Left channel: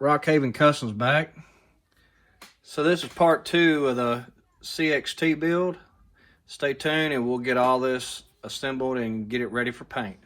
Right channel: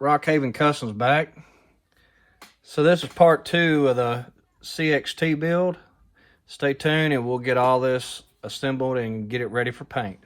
Rockhaven Customs back. So this is part 2 of the CXT build. Stay tuned and we'll get all this assembled and get it ready for paint.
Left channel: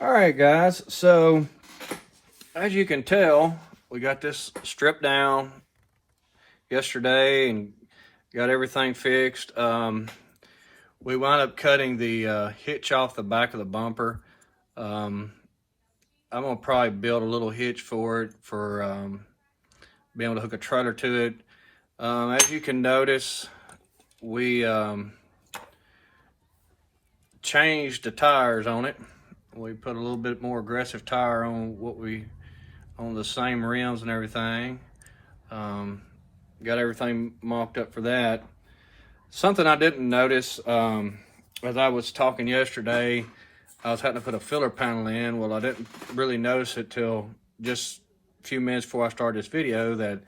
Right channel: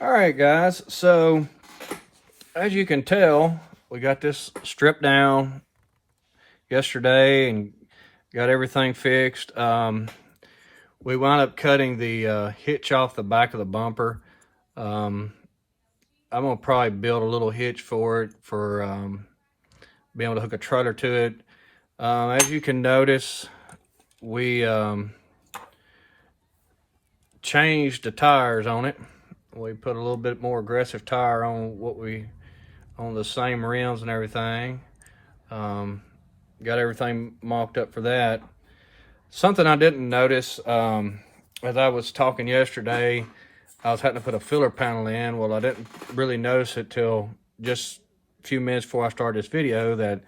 Alright guys, so as you can tell, we got this stripped down yesterday and got everything fixed. We wound up cutting the hitch off the back of the bumper. I'm going to probably build a little hitch for it for being able to hook a trailer to it. As you can notice, we changed the tires on it. We put a little bit more aggressive tire on on the same rims and everything. Got everything mocked up for that. Something I didn't notice as I was talking yesterday, I was having to put a filler panel in. Well, I didn't really notice it till just a few minutes before I started this video that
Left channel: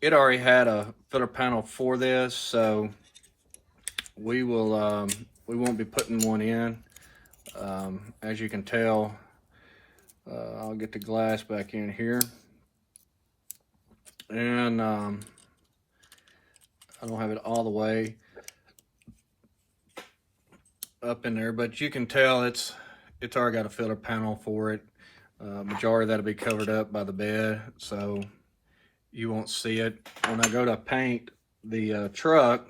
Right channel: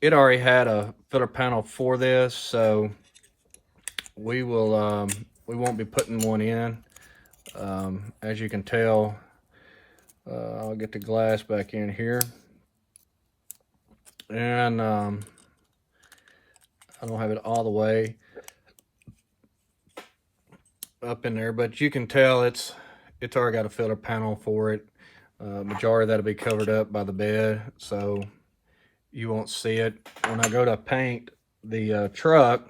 it already had a filler panel for this, so we won't be putting one in. As you can tell, I'll get the glass back in here, and I don't have it all the way up in there, but you can tell it's already got a filler panel for it. Majority of that'll be covered up by the bed, so you won't see it. When I go to paint the truck,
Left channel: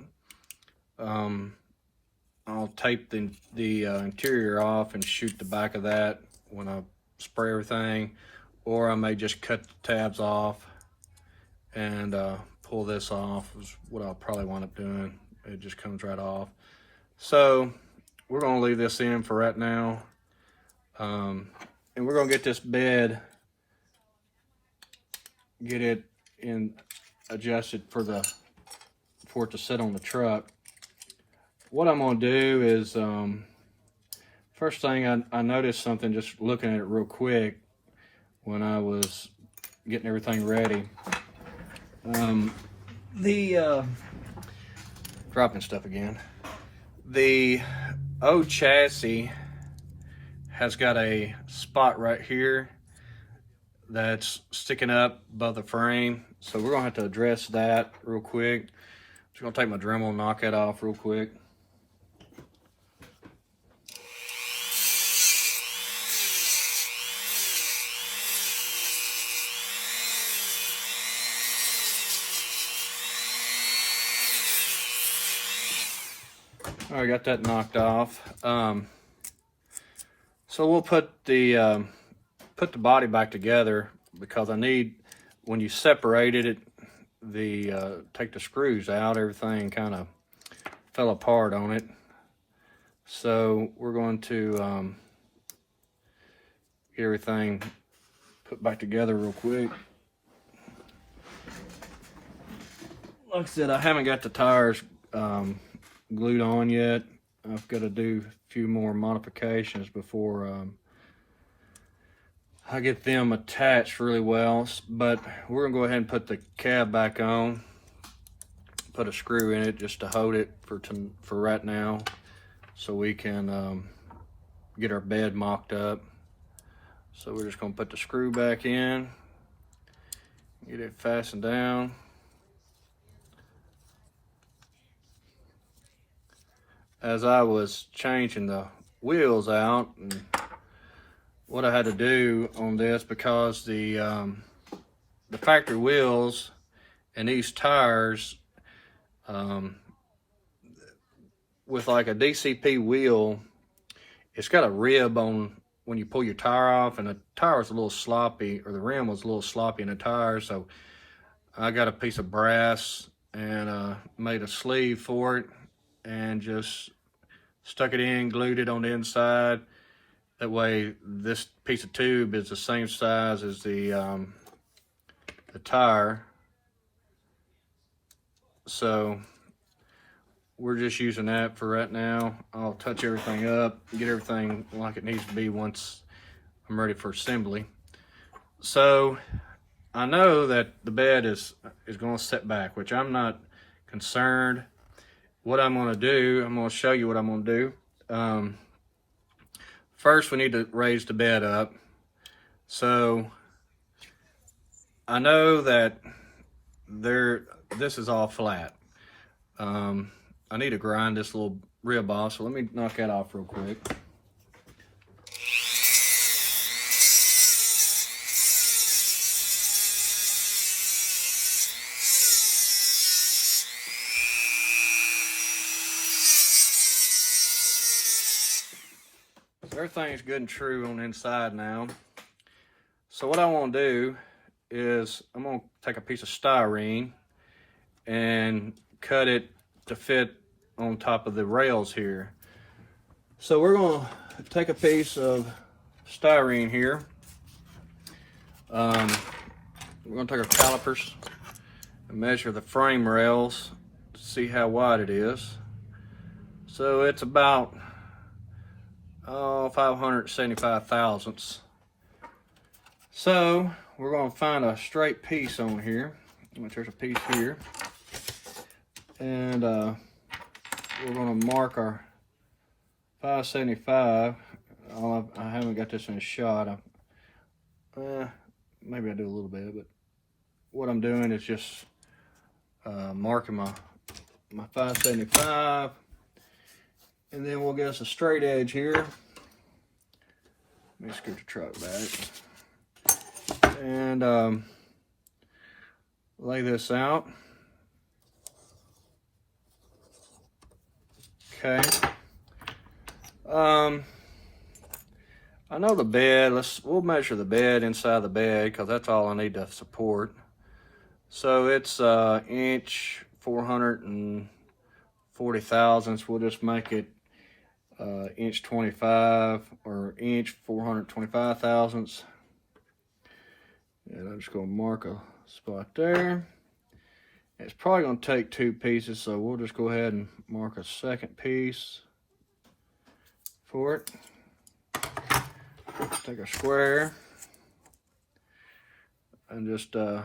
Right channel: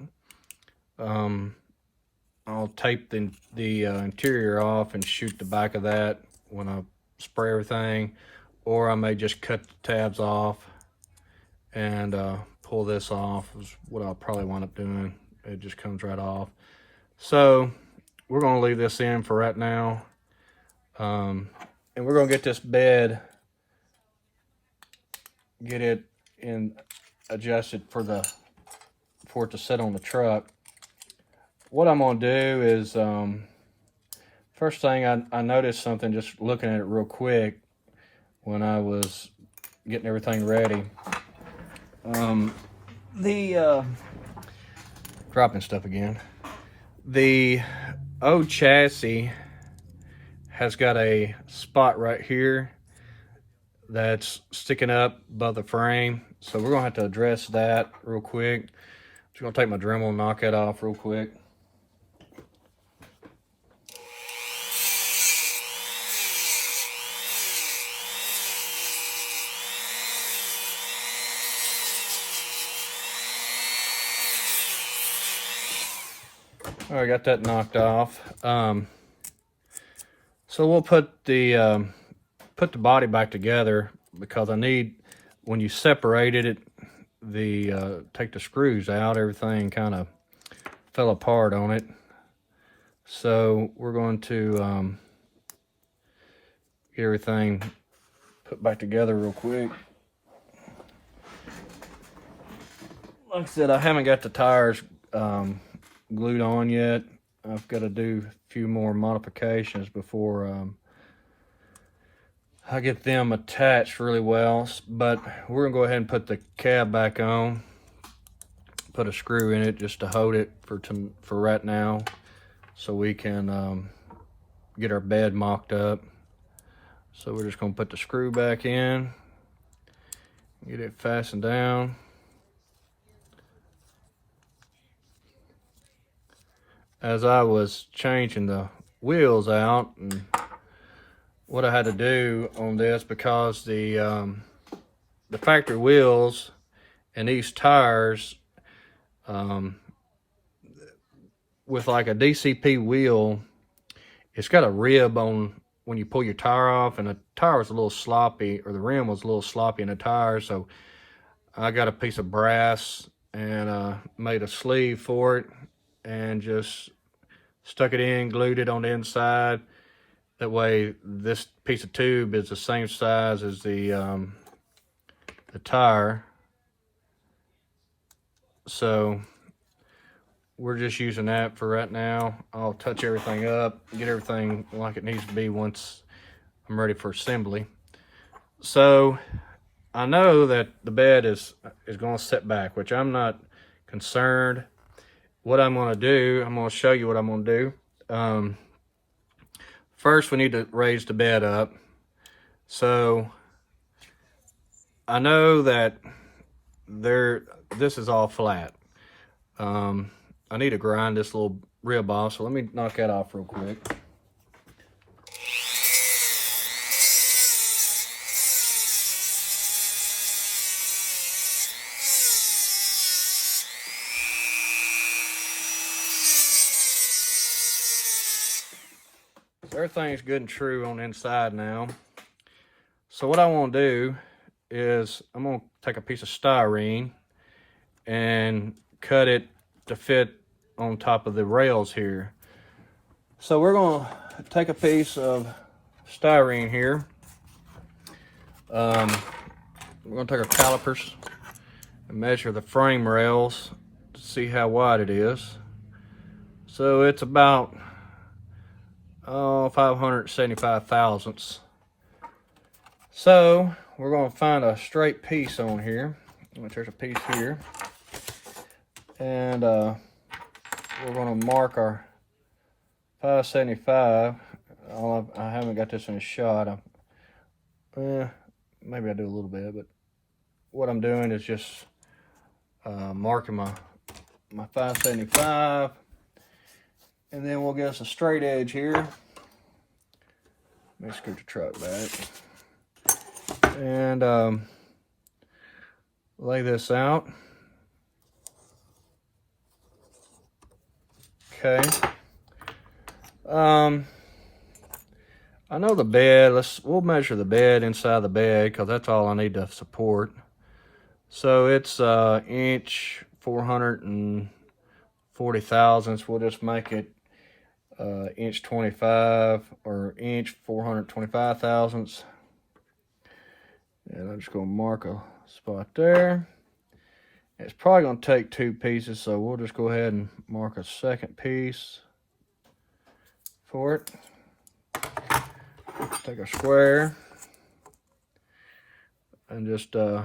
I'll tape the interior off and shoot the back of that when I spray everything, or I may just cut the tabs off and pull this off is what I'll probably wind up doing. It just comes right off. So we're going to leave this in for right now, and we're going to get this bed, get it in adjusted for it to sit on the truck. What I'm going to do is, first thing I noticed something just looking at it real quick when I was getting everything ready. Dropping stuff again. The old chassis has got a spot right here that's sticking up above the frame. So we're going to have to address that real quick. Just going to take my Dremel and knock it off real quick. I got that knocked off. So we'll put the body back together, because I need, when you separated it, take the screws out, everything kind of fell apart on it. So we're going to get everything put back together real quick. Like I said, I haven't got the tires glued on yet. I've got to do a few more modifications before I get them attached really well, but we're gonna go ahead and put the cab back on, put a screw in it just to hold it for right now, so we can get our bed mocked up. So we're just gonna put the screw back in, get it fastened down. As I was changing the wheels out, and what I had to do on this, because the factory wheels and these tires, with like a DCP wheel, it's got a rib on when you pull your tire off, and the tire was a little sloppy, or the rim was a little sloppy in the tire, so I got a piece of brass and made a sleeve for it, and just stuck it in, glued it on the inside. That way this piece of tube is the same size as the tire. So we're just using that for right now. I'll touch everything up, get everything like it needs to be once I'm ready for assembly. So I know that the bed is going to set back, which I'm not concerned. What I'm going to do, I'm going to show you what I'm going to do. First, we need to raise the bed up. So I know that this is all flat. I need to grind this little rib off, so let me knock that off real quick. Everything's good and true on the inside now. So what I want to do is I'm going to take a piece of styrene and cut it to fit on top of the rails here. So we're going to take a piece of styrene here. We're going to take our calipers and measure the frame rails to see how wide it is. So it's about 575 thousandths. So we're going to find a straight piece on here, which there's a piece here, and we're going to mark our 575. I haven't got this in a shot. Maybe I do a little bit, but what I'm doing is just marking my 575. And then we'll get us a straight edge here. Let me scoot the truck back. And lay this out. Okay. I know the bed, we'll measure the bed inside the bed because that's all I need to support. So it's inch 440 thousandths. We'll just make it inch 25 or inch 425 thousandths. And I'm just going to mark a spot there. It's probably going to take two pieces, so we'll just go ahead and mark a second piece for it. Take a square and just do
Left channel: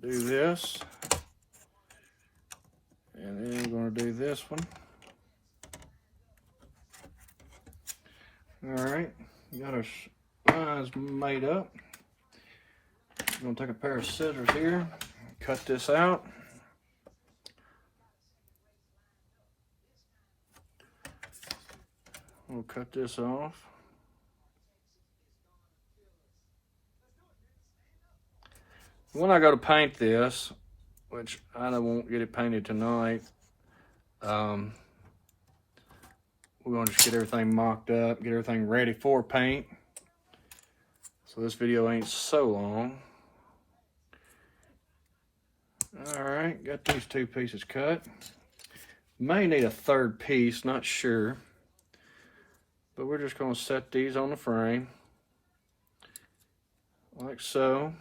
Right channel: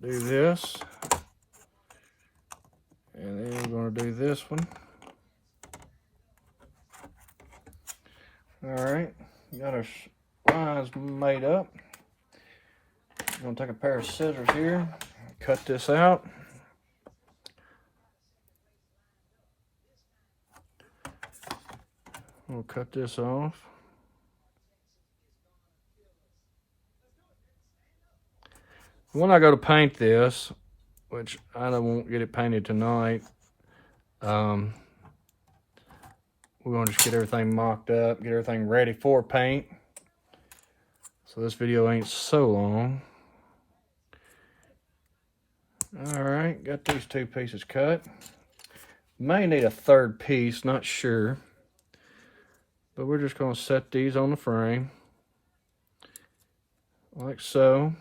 this. And then I'm going to do this one. Alright, got our lines made up. I'm going to take a pair of scissors here, cut this out. We'll cut this off. When I go to paint this, which I won't get it painted tonight, we're going to just get everything mocked up, get everything ready for paint. So this video ain't so long. Alright, got these two pieces cut. May need a third piece, not sure. But we're just going to set these on the frame. Like so.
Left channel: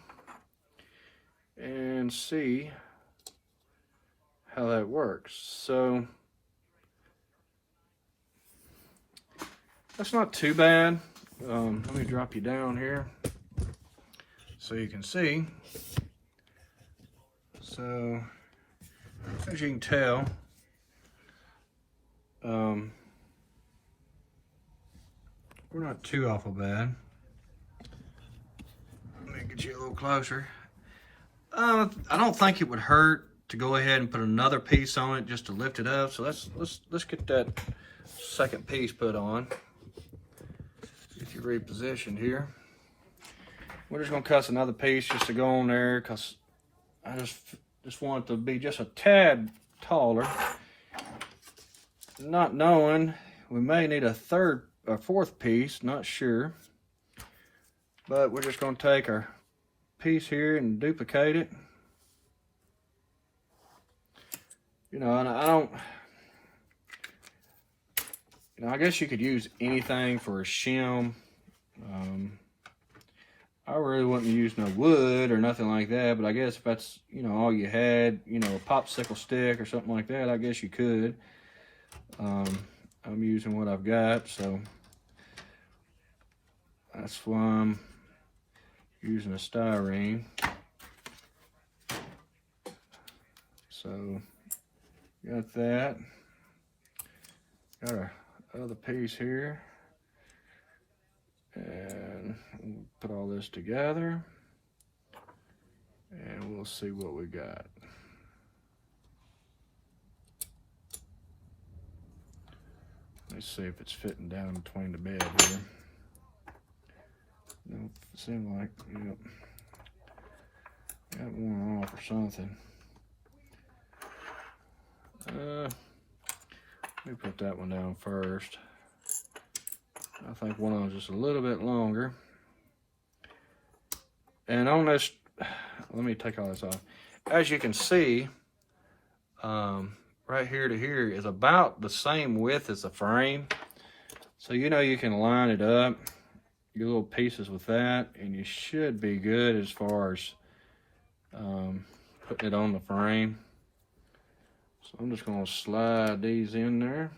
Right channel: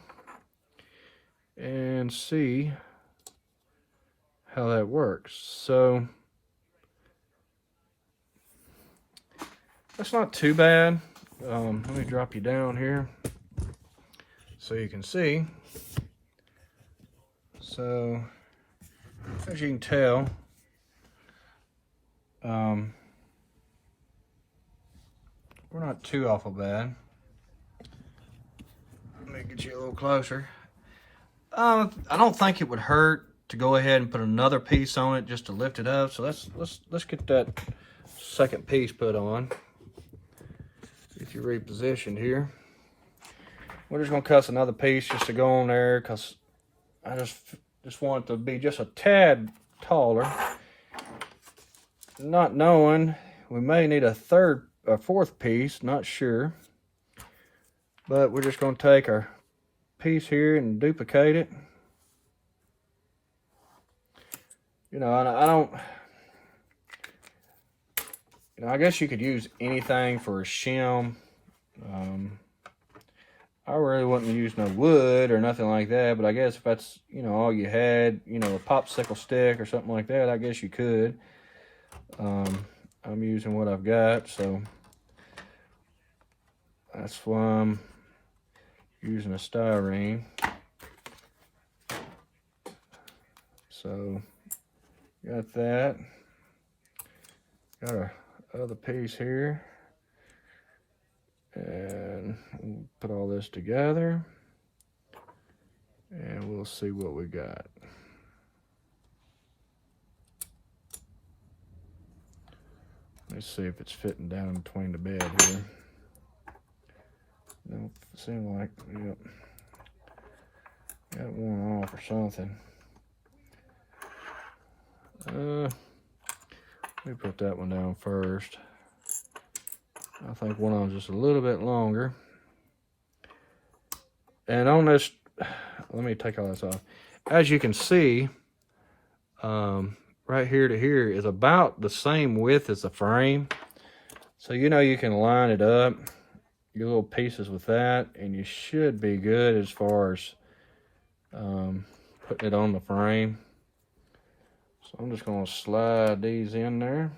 And see how that works. So that's not too bad. Let me drop you down here so you can see. So as you can tell, we're not too awful bad. Let me get you a little closer. I don't think it would hurt to go ahead and put another piece on it just to lift it up. So let's get that second piece put on. Get you repositioned here. We're just gonna cut another piece just to go on there because I just want it to be just a tad taller. Not knowing, we may need a fourth piece, not sure. But we're just gonna take our piece here and duplicate it. you know, I don't, you know, I guess you could use anything for a shim. I really wouldn't use no wood or nothing like that, but I guess if that's, you know, all you had, you know, a popsicle stick or something like that, I guess you could. I'm using what I've got, so that's why I'm using a styrene. So, got that. Got our other piece here. And we'll put all this together. And we'll see what we got. Let's see if it's fitting down between the bed here. Nope, it seems like, yep. Got one off or something. Let me put that one down first. I think one of them's just a little bit longer. And on this, let me take all this off. As you can see, right here to here is about the same width as the frame. So you know you can line it up, your little pieces with that, and you should be good as far as putting it on the frame. So I'm just going to slide these in there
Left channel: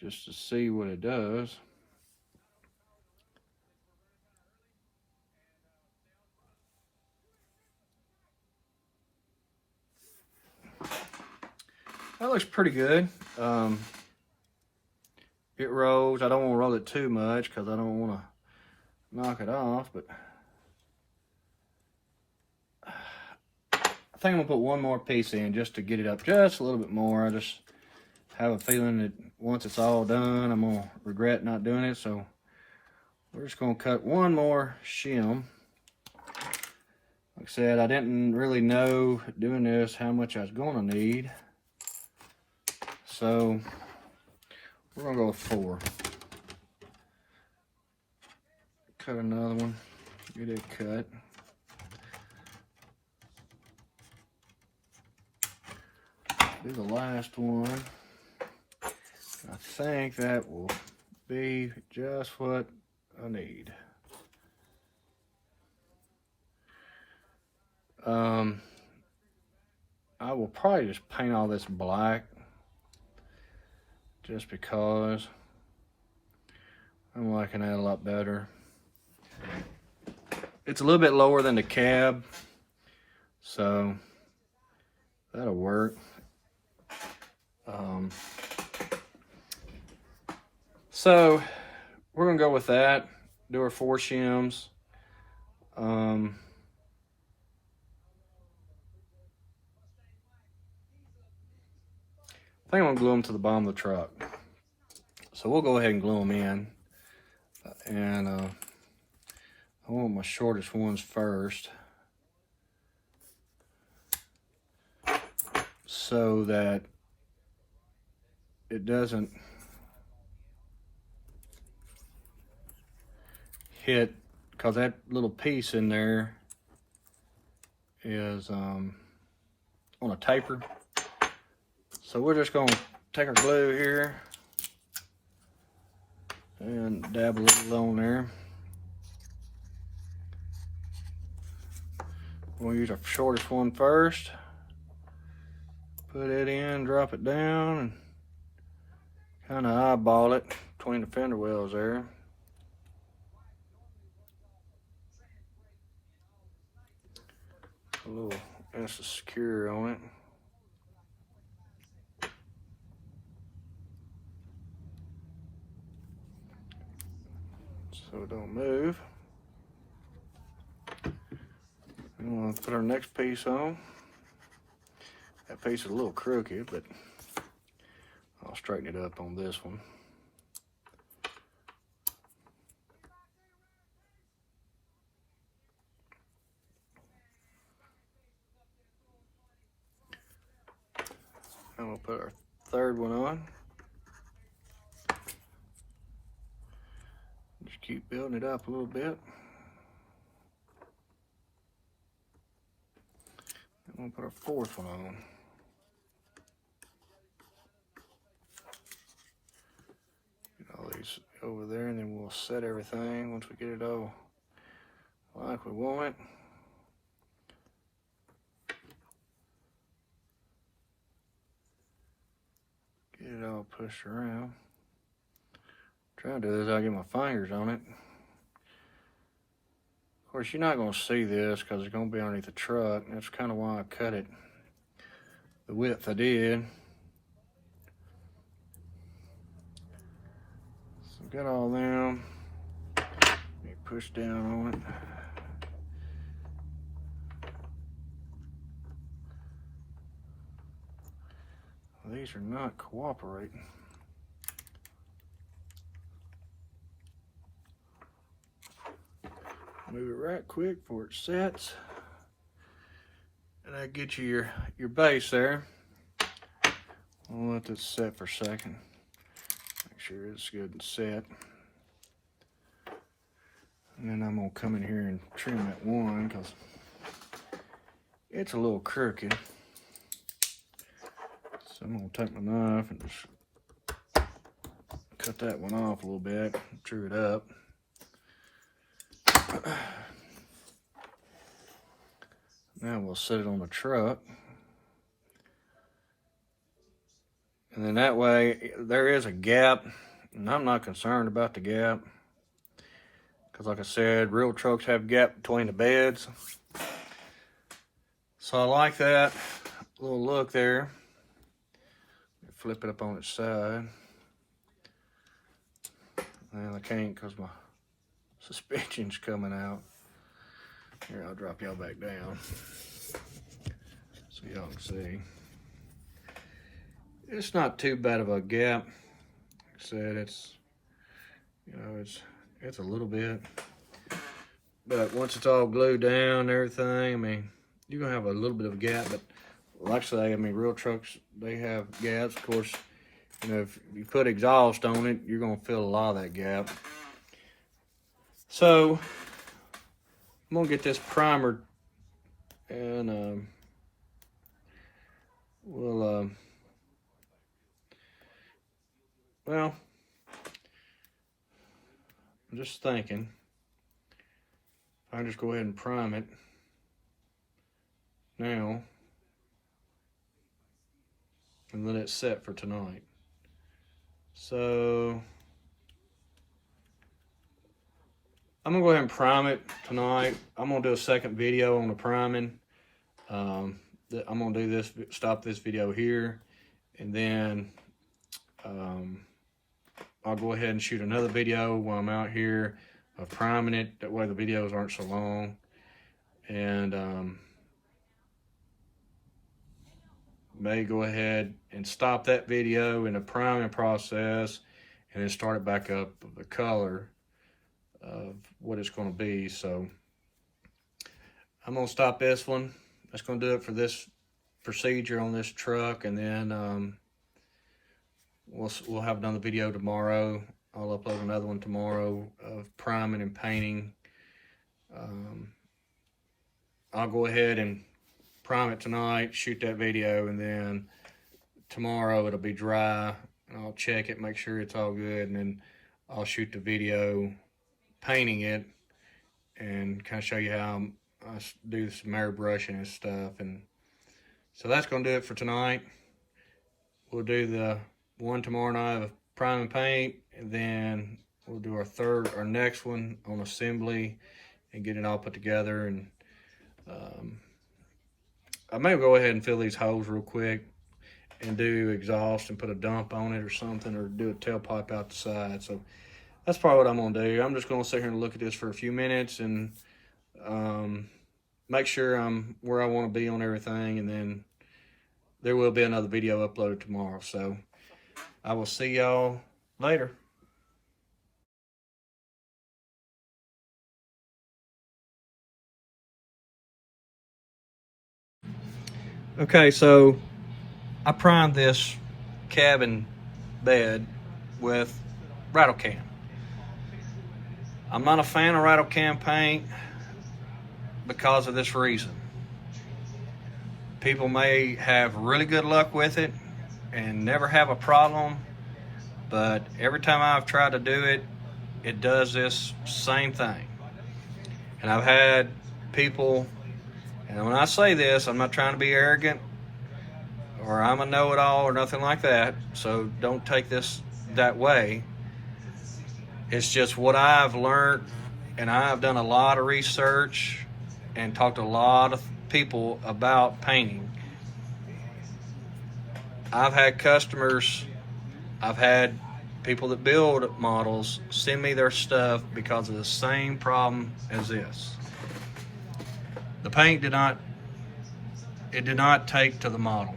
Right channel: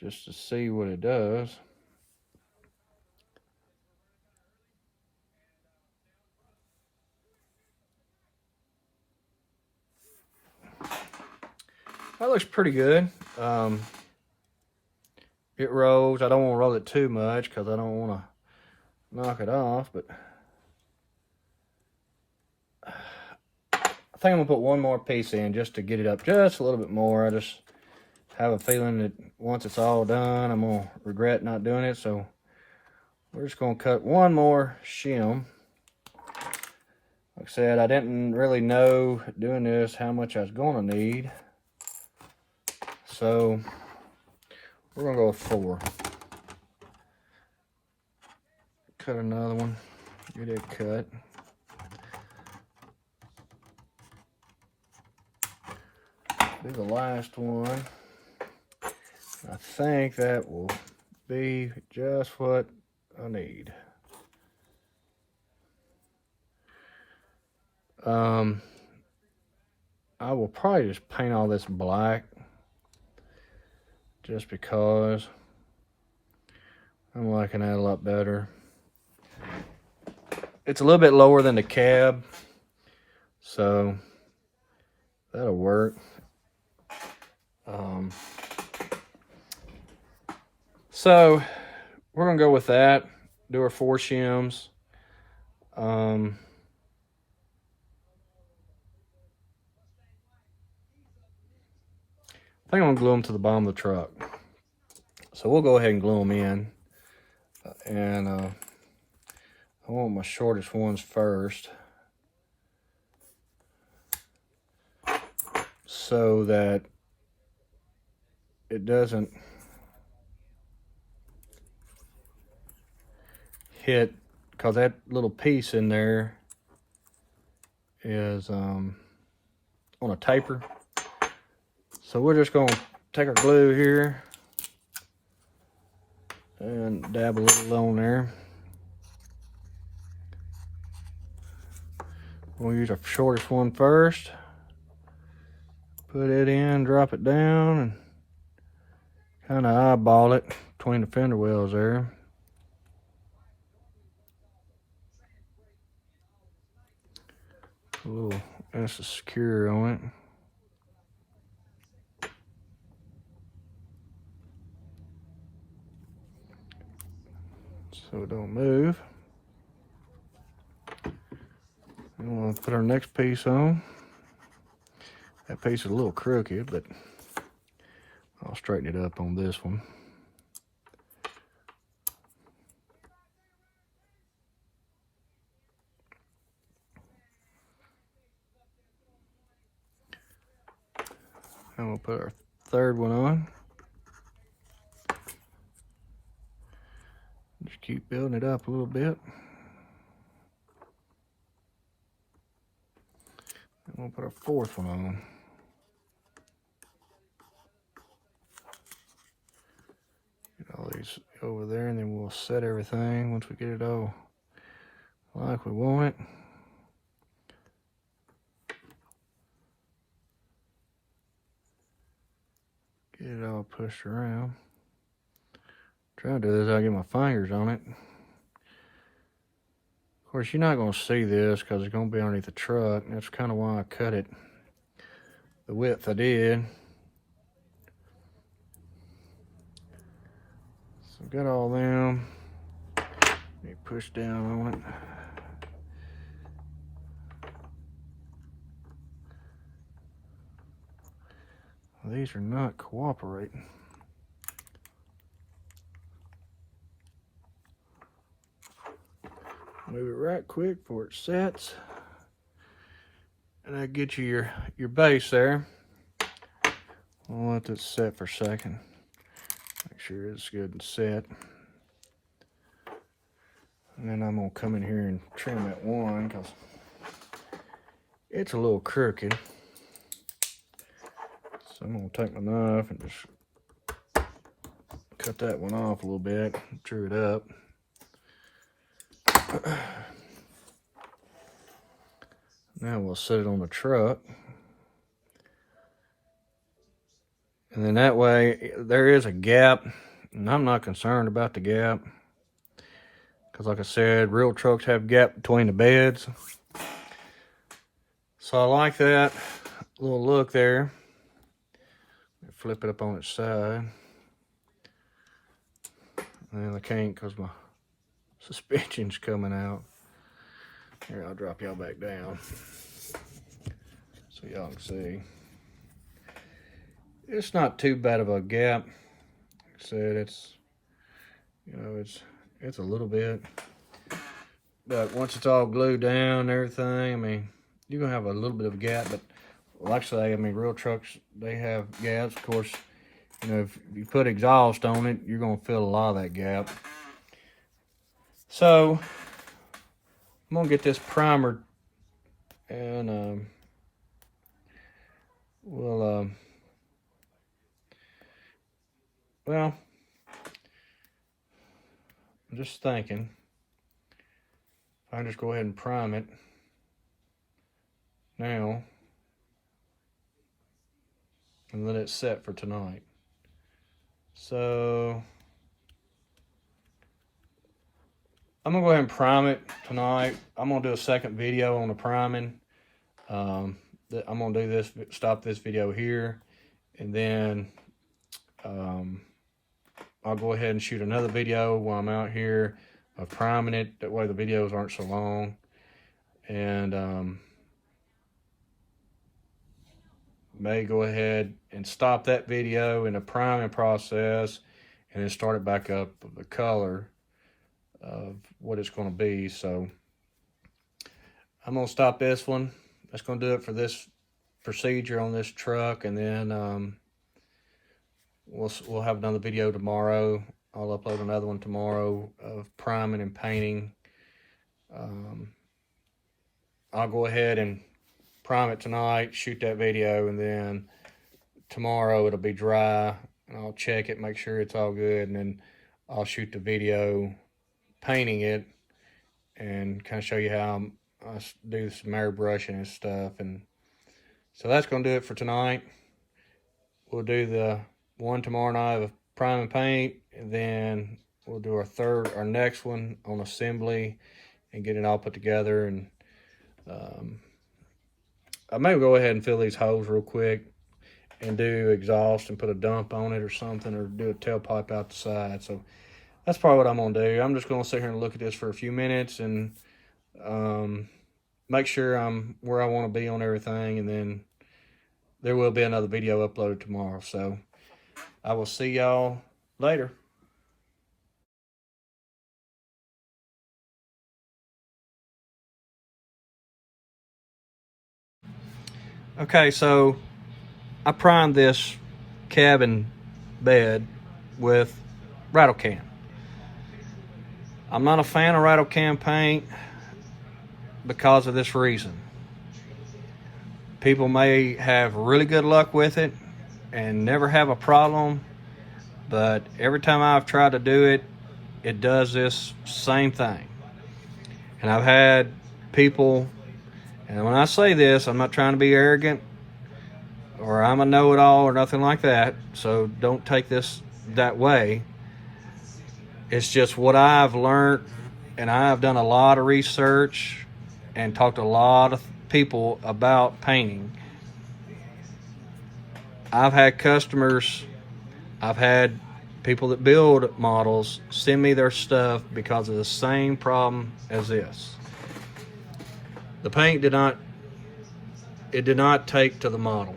just to see what it does. That looks pretty good. It rolls. I don't want to roll it too much because I don't want to knock it off, but I think I'm gonna put one more piece in just to get it up just a little bit more. I just have a feeling that once it's all done, I'm gonna regret not doing it. So we're just gonna cut one more shim. Like I said, I didn't really know doing this how much I was gonna need. So we're gonna go with 4. Cut another one, get it cut. Do the last one. I think that will be just what I need. I will probably just paint all this black just because I'm liking that a lot better. It's a little bit lower than the cab, so that'll work. So we're gonna go with that. Do our 4 shims. I think I'm gonna glue them to the bottom of the truck. So we'll go ahead and glue them in. And I want my shortest ones first, so that it doesn't hit, because that little piece in there is on a taper. So we're just going to take our glue here and dab a little on there. We'll use our shortest one first. Put it in, drop it down, and kind of eyeball it between the fender wells there. A little nice and secure on it. So it don't move. I'm going to put our next piece on. That piece is a little crooked, but I'll straighten it up on this one. And we'll put our third one on. Just keep building it up a little bit. And we'll put our fourth one on. over there, and then we'll set everything once we get it all like we want it. Get it all pushed around. Try to do this, I'll get my fingers on it. Of course, you're not going to see this because it's going to be underneath the truck. That's kind of why I cut it the width I did. So got all them. Let me push down on it. These are not cooperating. Move it right quick before it sets. And I get you your base there. I'll let this set for a second. Make sure it's good and set. And then I'm gonna come in here and trim that one because it's a little crooked. So I'm gonna take my knife and just cut that one off a little bit, true it up. Now we'll set it on the truck. And then that way, there is a gap, and I'm not concerned about the gap. Because like I said, real trucks have a gap between the beds. So I like that little look there. Flip it up on its side. And I can't because my suspension's coming out. Here, I'll drop y'all back down so y'all can see. It's not too bad of a gap. Like I said, it's, you know, it's a little bit. But once it's all glued down and everything, I mean, you're gonna have a little bit of a gap, but like I say, I mean, real trucks, they have gaps. Of course, you know, if you put exhaust on it, you're gonna fill a lot of that gap. So, I'm gonna get this primered, and we'll, well, I'm just thinking, if I just go ahead and prime it now, and let it set for tonight. So I'm gonna go ahead and prime it tonight. I'm gonna do a second video on the priming. I'm gonna do this, stop this video here, and then I'll go ahead and shoot another video while I'm out here of priming it. That way the videos aren't so long. And may go ahead and stop that video in the priming process and then start it back up with the color of what it's going to be. So I'm going to stop this one. That's going to do it for this procedure on this truck, and then we'll have another video tomorrow. I'll upload another one tomorrow of priming and painting. I'll go ahead and prime it tonight, shoot that video, and then tomorrow it'll be dry. I'll check it, make sure it's all good, and then I'll shoot the video painting it and kind of show you how I do some airbrushing and stuff. And so that's going to do it for tonight. We'll do the one tomorrow night of prime and paint, and then we'll do our next one on assembly and get it all put together. And I may go ahead and fill these holes real quick and do exhaust and put a dump on it or something, or do a tailpipe out the side. So that's probably what I'm gonna do. I'm just gonna sit here and look at this for a few minutes and make sure I'm where I want to be on everything, and then there will be another video uploaded tomorrow. So I will see y'all later. Okay, so I primed this cabin bed with rattle can. I'm not a fan of rattle can paint because of this reason. People may have really good luck with it and never have a problem, but every time I've tried to do it, it does this same thing. And I've had people, and when I say this, I'm not trying to be arrogant or I'm a know-it-all or nothing like that, so don't take this that way. It's just what I've learned, and I've done a lot of research and talked to a lot of people about painting. I've had customers, I've had people that build models send me their stuff because of the same problem as this. The paint did not take to the model.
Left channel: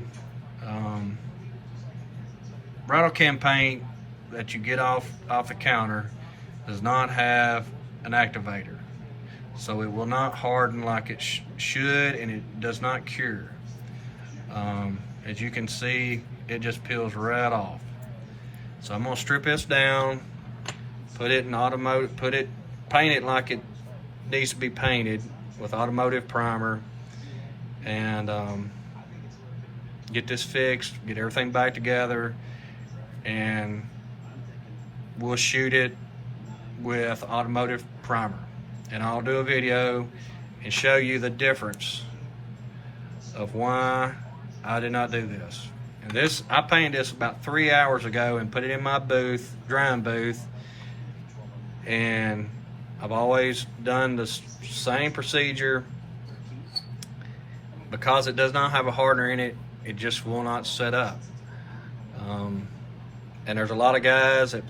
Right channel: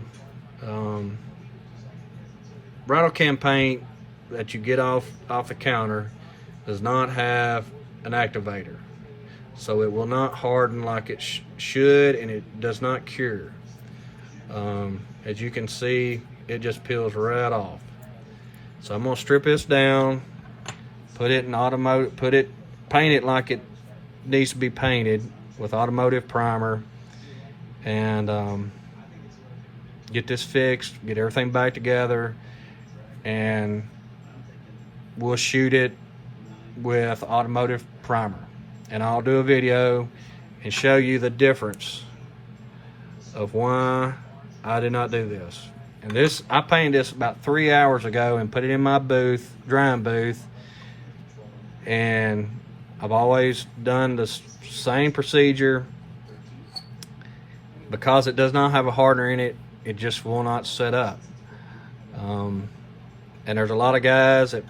Rattle can paint that you get off the counter does not have an activator, so it will not harden like it should, and it does not cure. As you can see, it just peels right off. So I'm gonna strip this down, put it in automotive, paint it like it needs to be painted with automotive primer, and get this fixed, get everything back together, and we'll shoot it with automotive primer. And I'll do a video and show you the difference of why I did not do this. And this, I painted this about 3 hours ago and put it in my booth, drying booth, and I've always done the same procedure. Because it does not have a hardener in it, it just will not set up. And there's a lot of guys that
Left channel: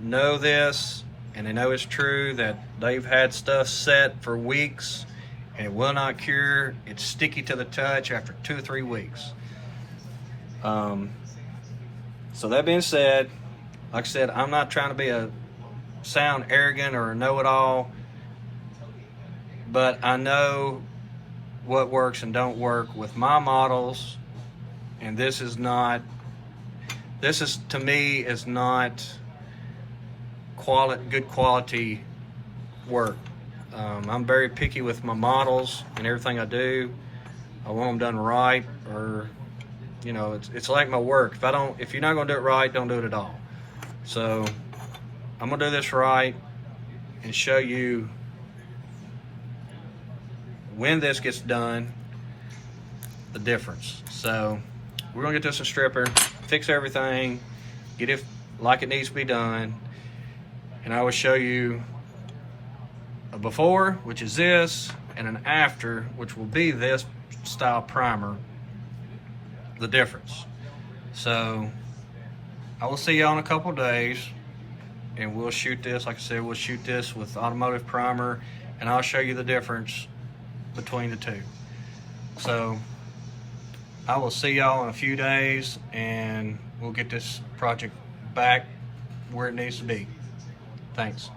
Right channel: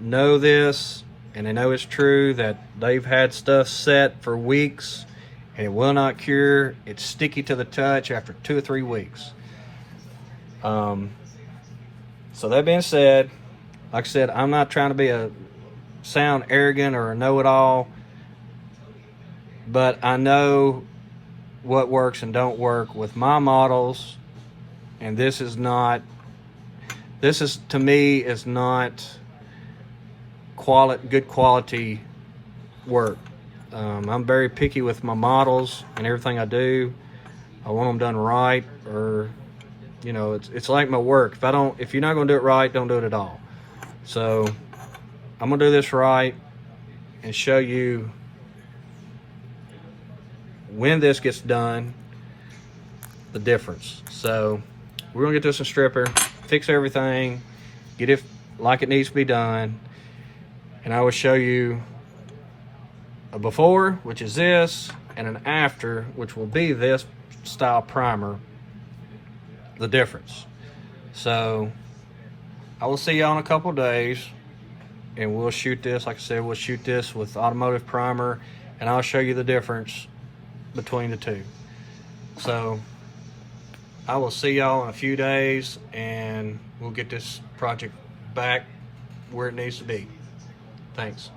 know this, and they know it's true, that they've had stuff set for weeks and it will not cure. It's sticky to the touch after 2 or 3 weeks. So that being said, like I said, I'm not trying to sound arrogant or a know-it-all, but I know what works and don't work with my models, and this is to me is not good quality work. I'm very picky with my models and everything I do. I want them done right, or you know, it's like my work. If you're not gonna do it right, don't do it at all. So I'm gonna do this right and show you when this gets done, the difference. So we're gonna get this a stripper, fix everything, get it like it needs to be done, and I will show you a before, which is this, and an after, which will be this style primer, the difference. So I will see y'all in a couple days, and we'll shoot this, like I said, we'll shoot this with automotive primer, and I'll show you the difference between the two. So I will see y'all in a few days, and we'll get this project back where it needs to be. Thanks.